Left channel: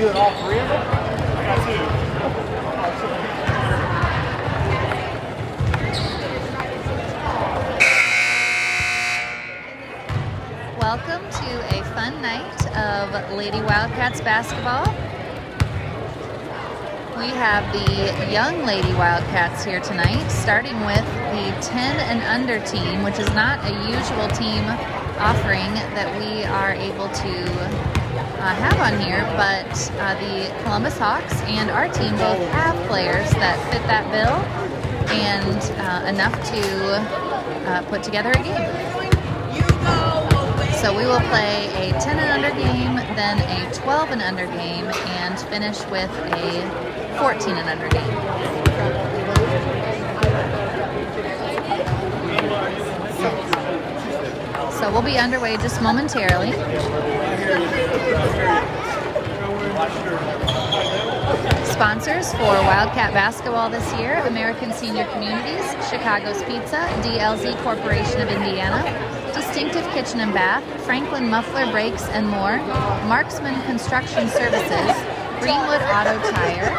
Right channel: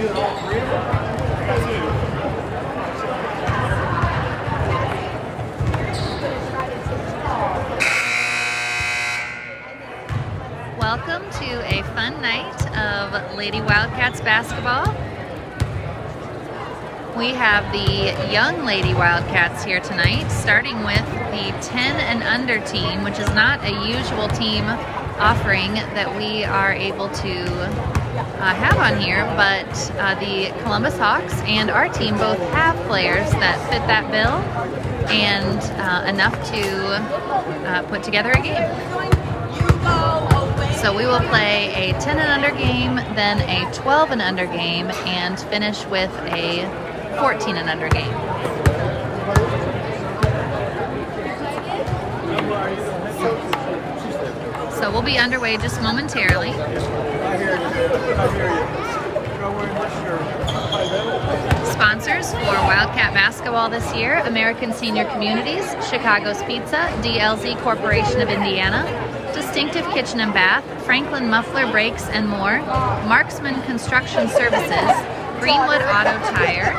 Welcome to a fun night of Lady Wildcats basketball. We have the young Lady Wildcats here tonight, starting with the 10 and under team, which is not a usual team offering that we are able to have on here, but the Columbus Hawks and our team both have players that fit that bill and enough to put together a game. So we will play a 10 and under game, then a 12 and under game, and finish with a 14 and under game. So we'll be underway just momentarily. Sponsors for Wildcat basketball this year: American Senior Communities, Chicago's Pizza, DLZ Corporation of Indiana, Distinctive Kitchen and Bath, Franklin Muffler Brakes and more, Marksman Construction Services, Greenwood Auto Tire,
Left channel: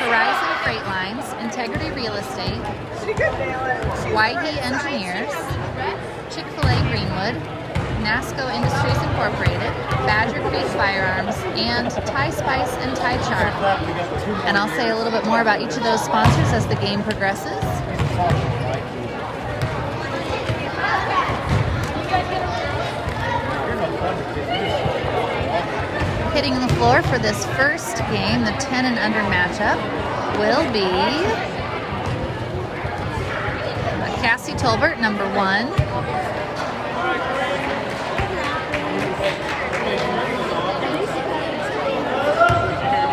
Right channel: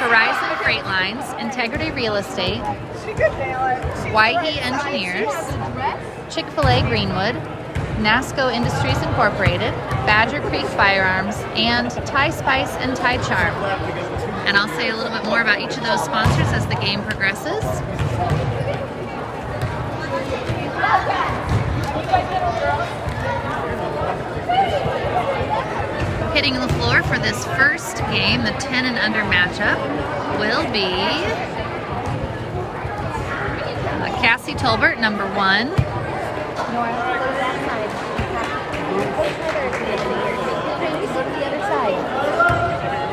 Horizon Freight Lines, Integrity Real Estate, Waihe Engineers, Chick-fil-A Greenwood, NASCO Industries Incorporated, Badger Creek Firearms, and Thai Spice and Thai Charm. And I'll say a little bit more about each of those sponsors as the game progresses. Hitting the floor for this first game, the 10 and under matchup, will be Cassie Tolbert, number 1.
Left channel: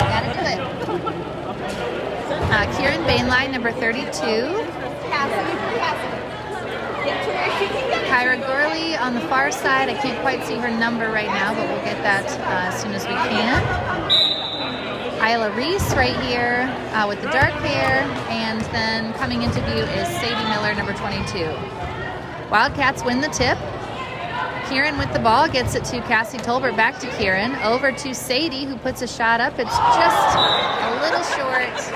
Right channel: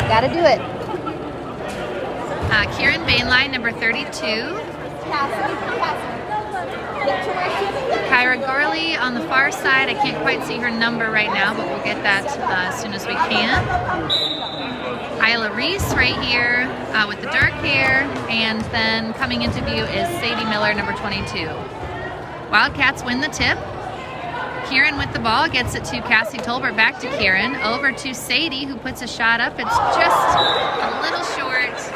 Gotta do it. Kieran Bainline, number 32. Kyra Gorley on the far side. I can't quite see her number right now, but we'll get that as soon as we can. Isla Reese right here with the dark hair, and then coming into view is Sadie Miller, number 22. Wildcats win the tip. Kieran with the ball gets it to Cassie Tolbert, back to Kieran, over to Sadie, who puts a shot up. It's just a little short.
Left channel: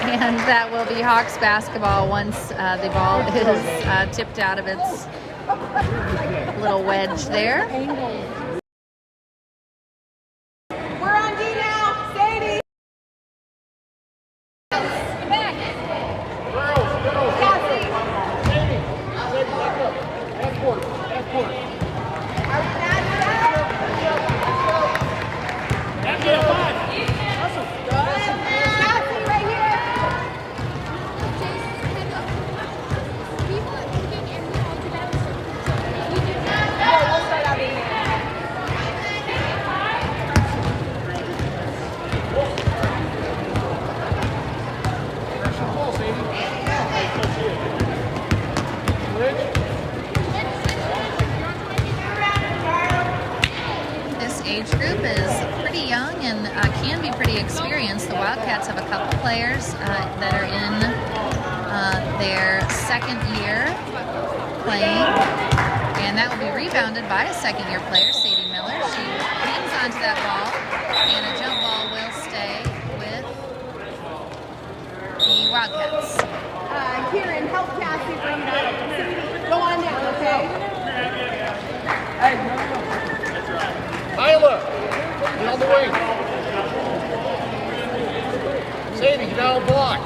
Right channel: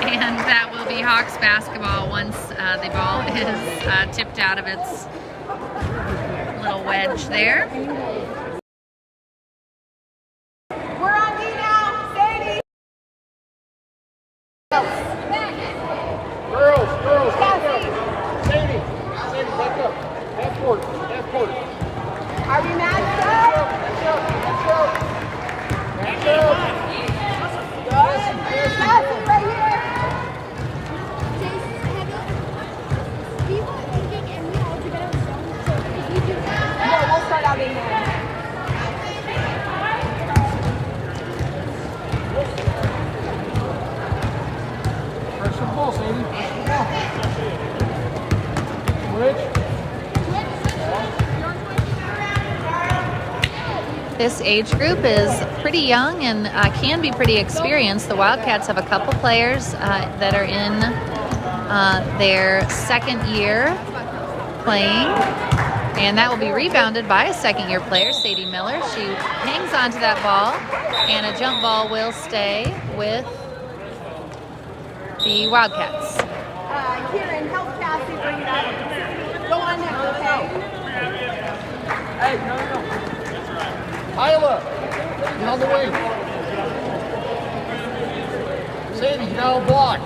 And that will be Hawks basketball once the ball is tipped out of its little wedge there. We're on D now, Sadie. This age group is pretty young and can be pretty experienced. The Wildcats have a couple players that are in their second year playing, and that will be rebounded by a second-year player, Sadie Miller. She hangs onto that ball, and a jump ball will stay with the Wildcats. Kieran, help Cassie bring it up. Sadie, go on down, okay? Isla, get on the wing. Sadie, get down the block.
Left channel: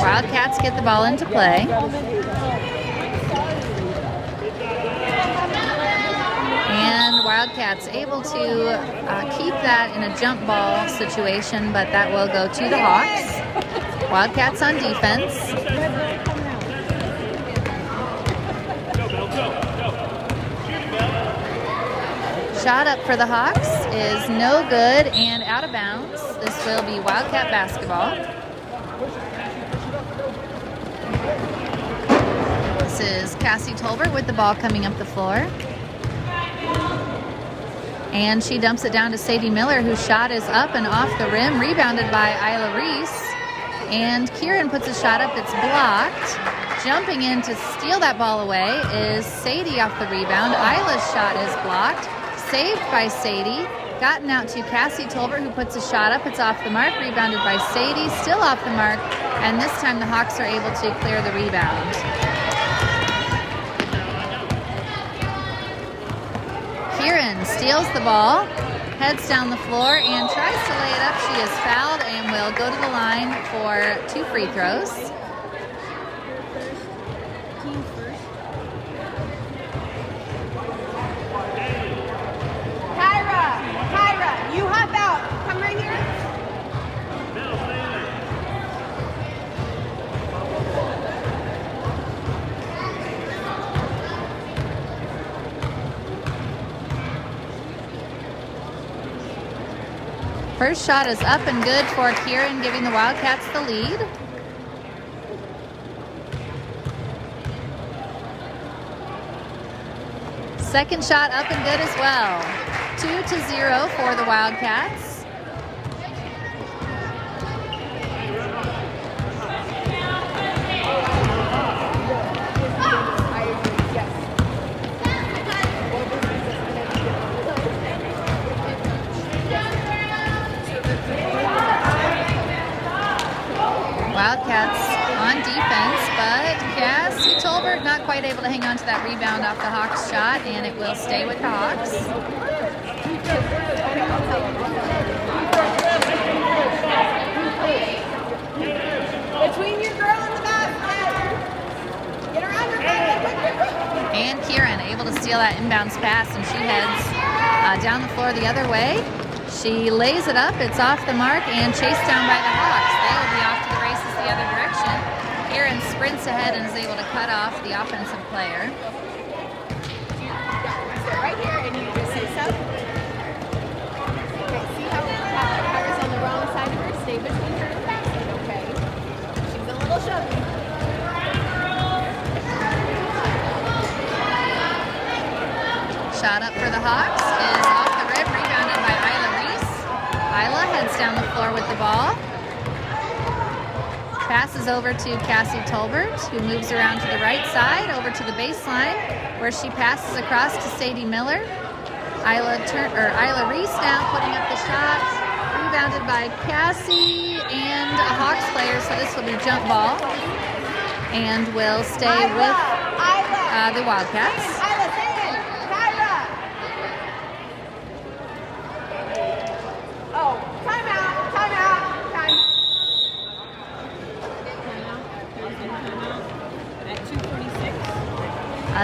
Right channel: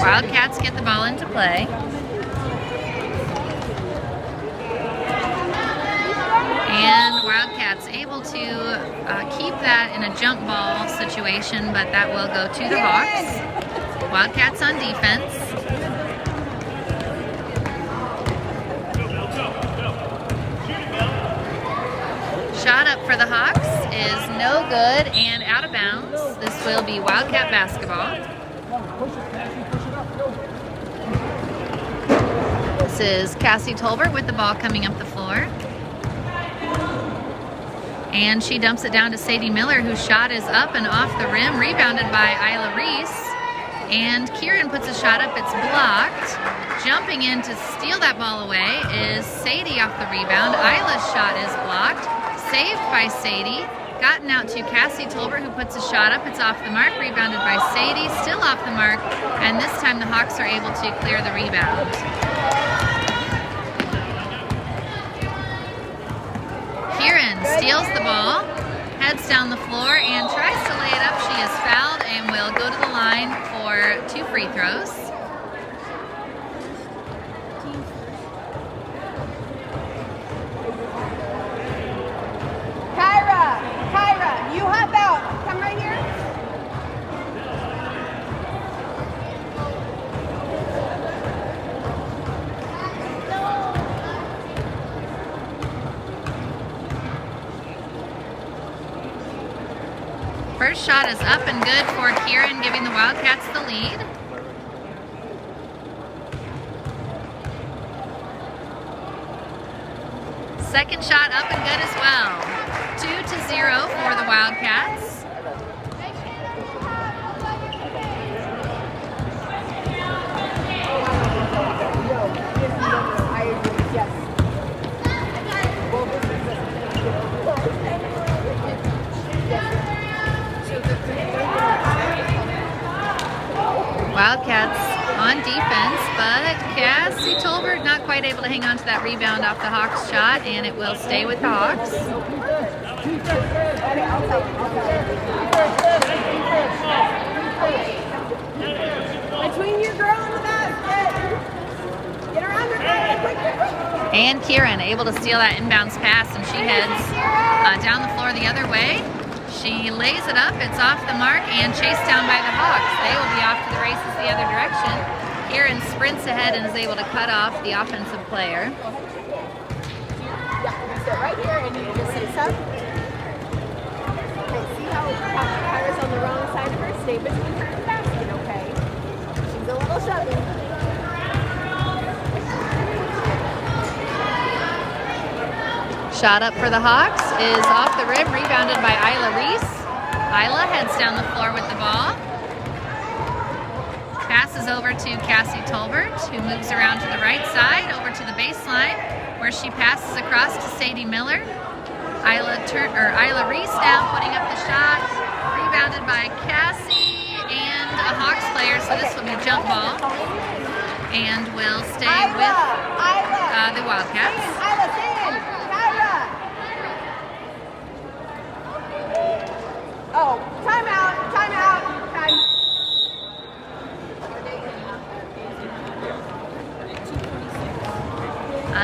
Wildcats get the ball into play. And Wildcats able to keep that in a jump ball situation, but that will go to the Hawks. Wildcats on defense. Shot up for the Hawks is no good and out of bounds. This will be Wildcat basketball. This is Cassie Tolbert with the ball coming up the floor. And she dumps it down to Sadie Miller, whose shot is up and off the rim, rebounded by Isla Reese. And Kieran puts a shot up, it's blocked. Jumping in to steal that ball away is Sadie off the rebound. Isla's shot is blocked. Saved by Sadie. Gotten out to Cassie Tolbert, who puts a shot up. It's off the mark. Rebounded by Sadie. Still off the mark. And this time the Hawks are able to clear the rebound. Kieran steals the ball, heads down the floor, and tries to lay it up. She is fouled and will go to the line for 2 free throws. Kyra, you hop out. Come right here. First shot is up and good for Kieran, giving the Wildcats the lead. Second shot up and good as well. 2-0 for the Wildcats. Wildcats on defense, but Cassie Tolbert not quite able to hang on to that rebound off the Hawks shot, and it will stay with the Hawks. Between your girl and the basket. Get around her, Kyra, quick. And Kieran able to steal that inbounds pass, and she heads down the floor the other way. She lays it up, it's off the mark, and chased down by the Hawks. They will be off to the races the other direction. Kieran sprints ahead and is able to cut off the offensive player. You sit right here and you just say sup. Okay, see how Kyra's on the wrong side of her? Stay between her and the basket, okay? She's a little chubby. Shot up for the Hawks is off the rim, rebounded by Isla Reese. Isla heads down the floor with the ball. Passes over to Cassie Tolbert, who moves around to the right side, over to the baseline, where she passes across to Sadie Miller. Isla Reese now putting up the shot, rebounded by Cassie and a Hawks player, so this will be a jump ball, and will stay with the Wildcats.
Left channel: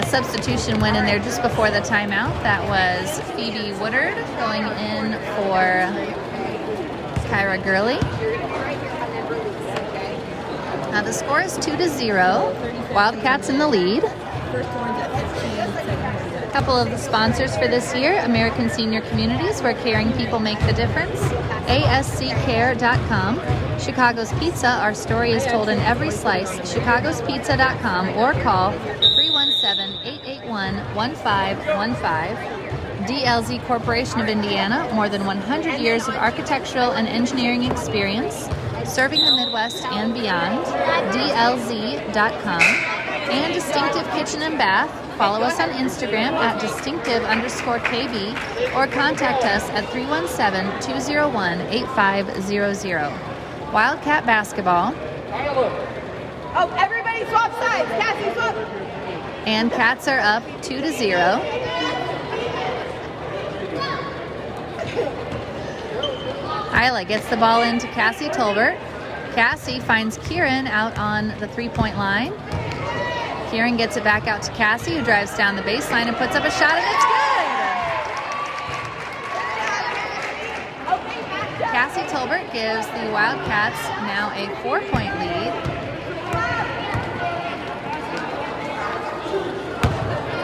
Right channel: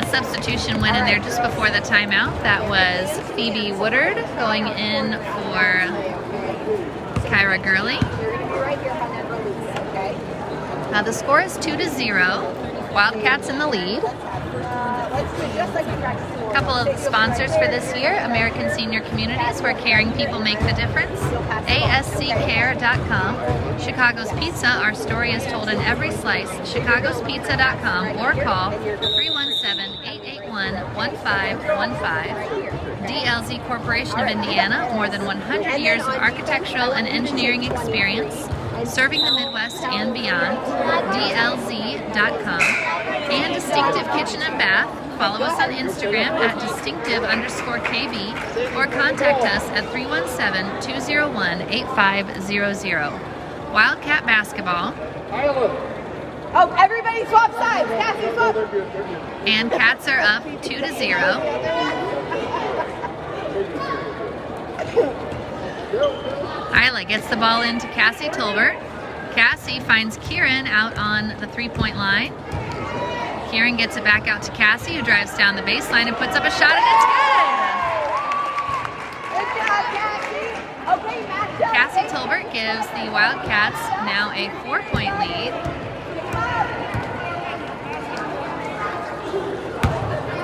Substitution went in there just before the timeout. That was Phoebe Woodard going in for Kyra Gurley. The score is 2-0. Wildcats in the lead. A couple of the sponsors for this year: American Senior Communities, where caring people make the difference; ASCCare.com; Chicago's Pizza, our story is told in every slice; chicagospizza.com, or call 317-881-1515. DLZ Corporation of Indiana, more than 100 years of architectural and engineering experience, serving the Midwest and beyond. DLZ.com. And Distinctive Kitchen and Bath. Follow us on Instagram at distinctive_KB, or contact us at 317-201-8500. Wildcat basketball. Oh, everybody swap sides. Cassie, swap. And Cats are up 2-0. Isla gets the ball into Cassie Tolbert. Cassie finds Kieran out on the three-point line. Kieran gets it back out to Cassie, who drives down the baseline and puts up a shot, and it's good! Cassie Tolbert gives the Wildcats now a 4-point lead.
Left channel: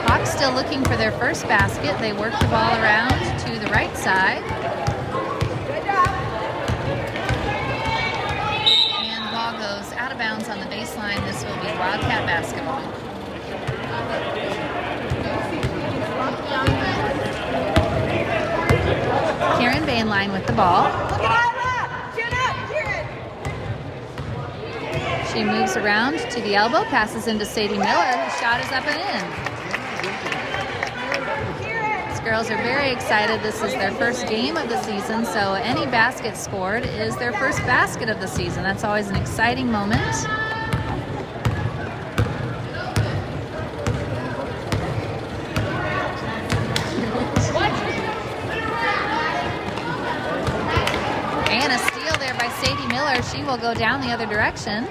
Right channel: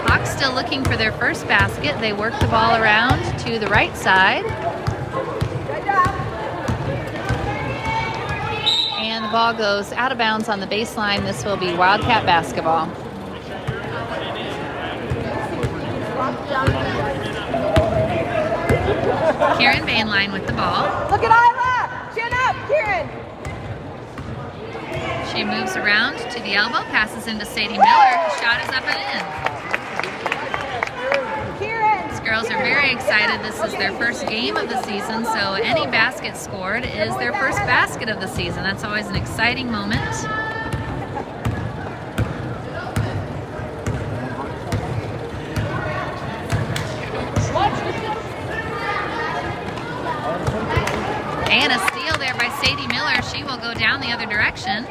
Hawks still looking for their first basket. They work the ball around to the right side. Good job. And the ball goes out of bounds on the baseline. This will be Wildcat basketball. Kieran Bainline with the ball. Look at Isla. Chin up, Kieran. She moves around to the elbow, passes into Sadie Miller. Her shot is up and in. These girls are very excited. This is their first game of the season, so any basket scored is their first basket of the season. That's always an exciting moment. And a steal there by Sadie Miller. She will go down the other direction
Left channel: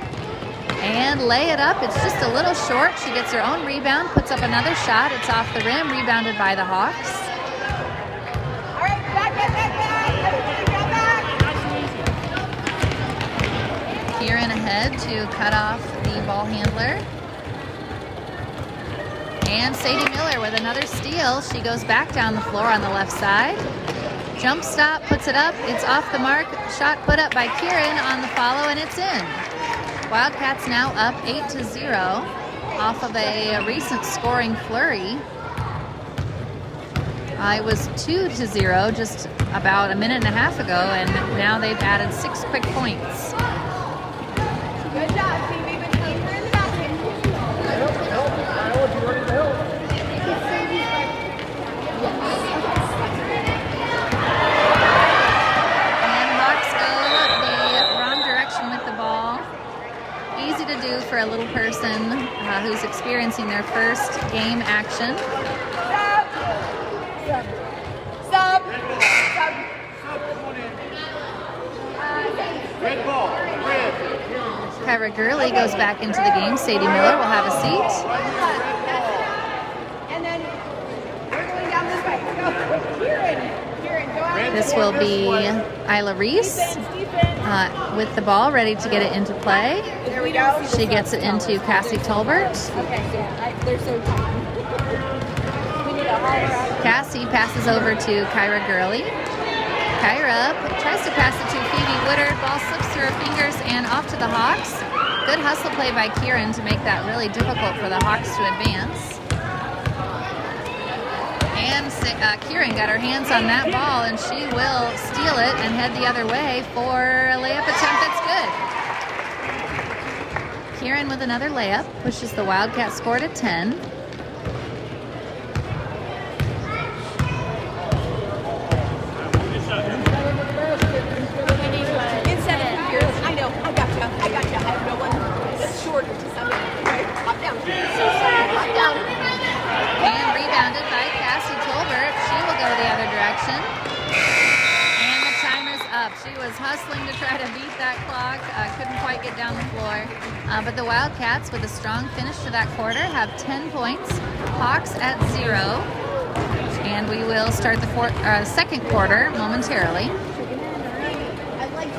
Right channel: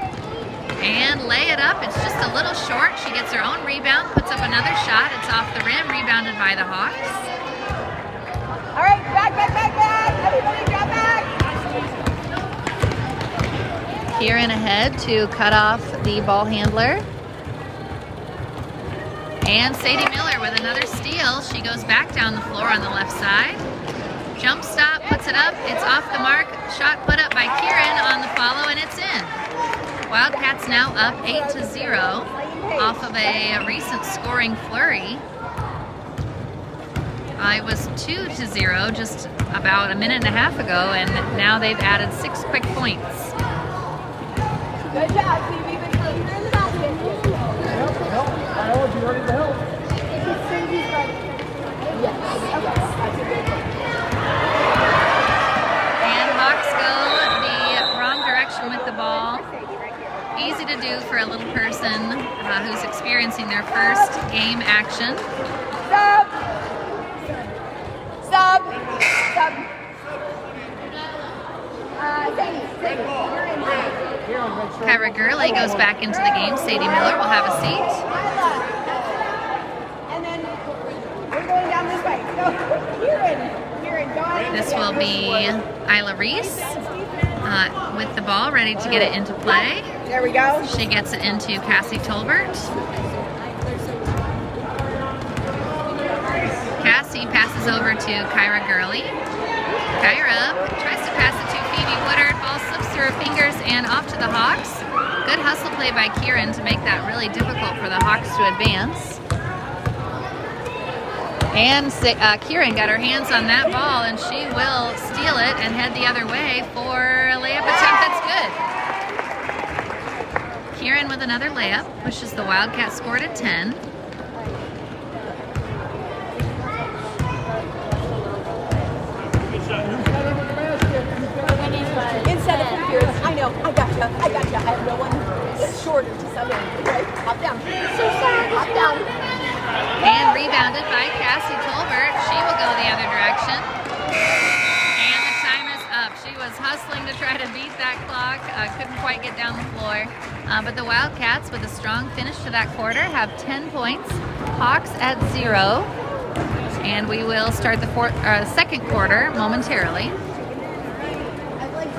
and lay it up. It's just a little short. She gets her own rebound, puts up another shot. It's off the rim, rebounded by the Hawks. All right, back. Kieran ahead to cut off the ball handler. And Sadie Miller with another steal. She goes back down the floor on the left side. Jump stop, puts it up. It's off the mark. Shot put up by Kieran on the follow, and it's in. Wildcats now up 8-0 off of a recent scoring flurry. It was 2-0 just about a minute and a half ago, and now they've added 6 quick points. Good job, team. Even closer in the basket. And Hawks go the wrong direction with the ball. Easy to do for a little person who's experiencing their first game action. Stop. Kyra Gurley goes back into the game. Sadie Miller will have a seat. And then we're going down this way. Go. Kieran, go on. This will be Isla Reese with the ball, ready to get it into play. There we go. She gets it into Cassie Tolbert. Cassie passes over to Kyra Gurley. Kyra tries to pass it to Phoebe Woodard. Ball slips through her fingers and off to the Hawks. Good hustle play by Kieran to make that really difficult for the Hawks to advance. And Kieran got her hands on that ball, and she will steal it and head the other way for a layup attempt that's good. Kieran with another layup pushes the Wildcats score to 10. Instead of Kieran, I know, I gotcha. I have no one that's short to something. Right? Hop down. So sorry, hop down. And rebounded by Cassie Tolbert. She will go the other direction. And the timer's up. She was hustling to try to beat that clock. Couldn't quite get down the floor. But the Wildcats, with a strong finish to that quarter, have 10 points. Hawks at 0. And we will start the second quarter momentarily. I'd like to.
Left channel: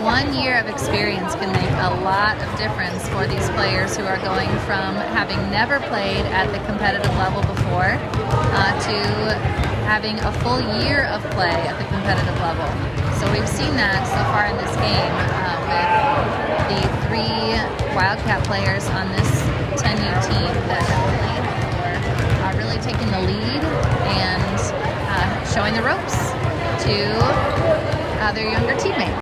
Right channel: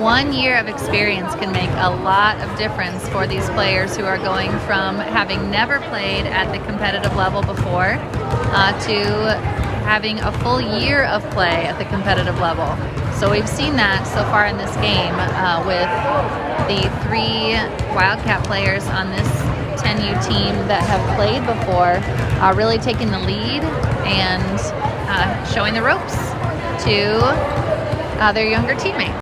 1 year of experience can make a lot of difference for these players who are going from having never played at the competitive level before to having a full year of play at the competitive level. So we've seen that so far in this game with the 3 Wildcat players on this 10U team that have played before really taking the lead and showing the ropes to their younger teammates.